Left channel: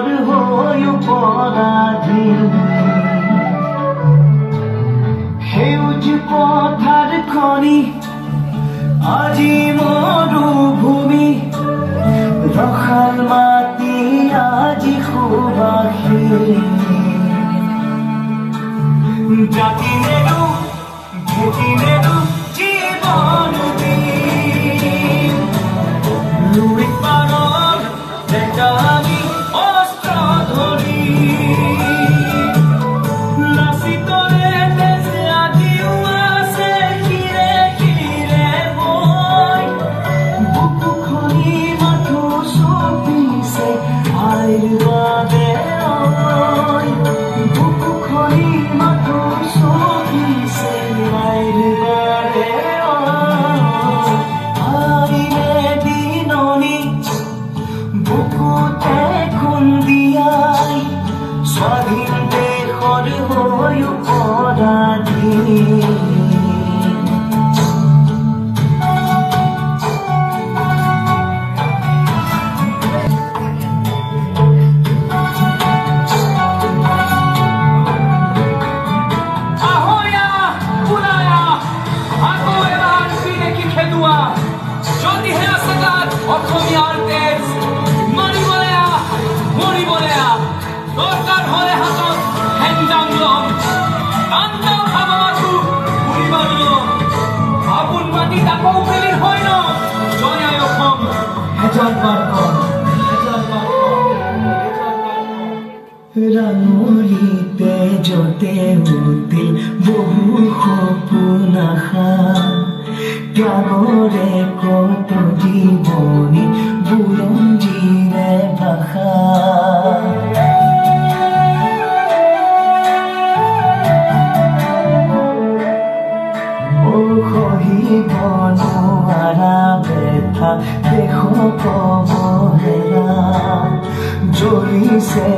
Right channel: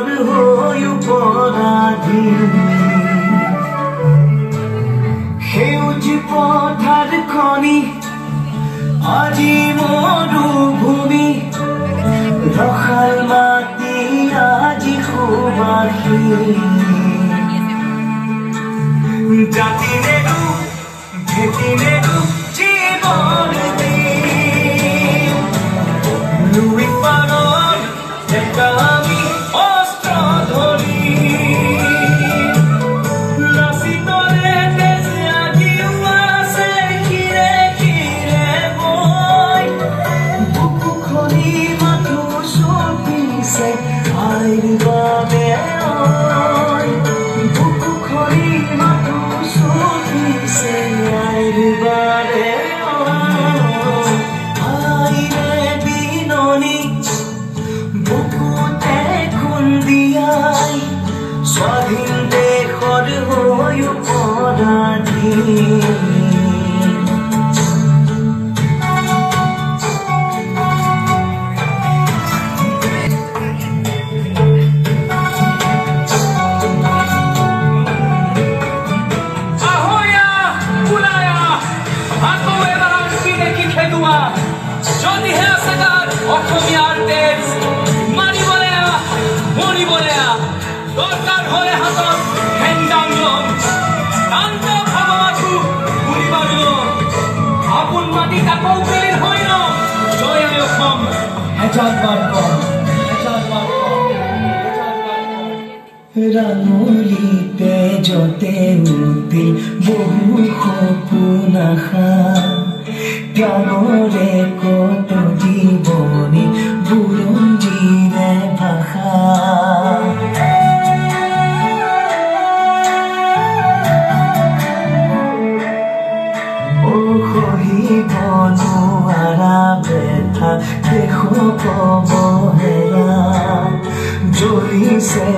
দেশৰ হৈ পৰাধী সেউজ পথাৰ খনি আজি মৰুভূমি ৰসাল মাটি আজি সুবাসী জাতি নেৰু ভেটি নেৰু জীৱন লুই পাৰৰ ডেকা আমি অস্ত্ৰ ধৰি নাচিতৰে দেশে আজিও আছে শিৰে শিৰে বৈ বুকু খনি মাথো চপিছে আইৰ বাবে বুকু খনি মাথো চপিছে আইৰ বাবে আইৰে দিননি বুকুতে খুন্দিয়াই স্বাধীন দেশৰ হৈ পৰাধী যদিহে আছে গাত অসমীয়াৰ তেজ মাৰিবলে মৰিবলে দৰকাৰ হ'লে হাতত হেংদাং ল'ম শান্ত ভাৱটো ঘূৰিবাৰ ল'ম আপোন মাটিত আকৌ উকলিল হয় ন জয় আই অসম হেজাৰবাৰ কম ৰাঙলীতে যতে উঠিল বহু সপোন আশা ত্যাগৰে কত জীৱনী বুৰঞ্জীৰে ভাষা সহিব নোৱাৰা বেথা দেশ অৱহেলা জ্বলিছে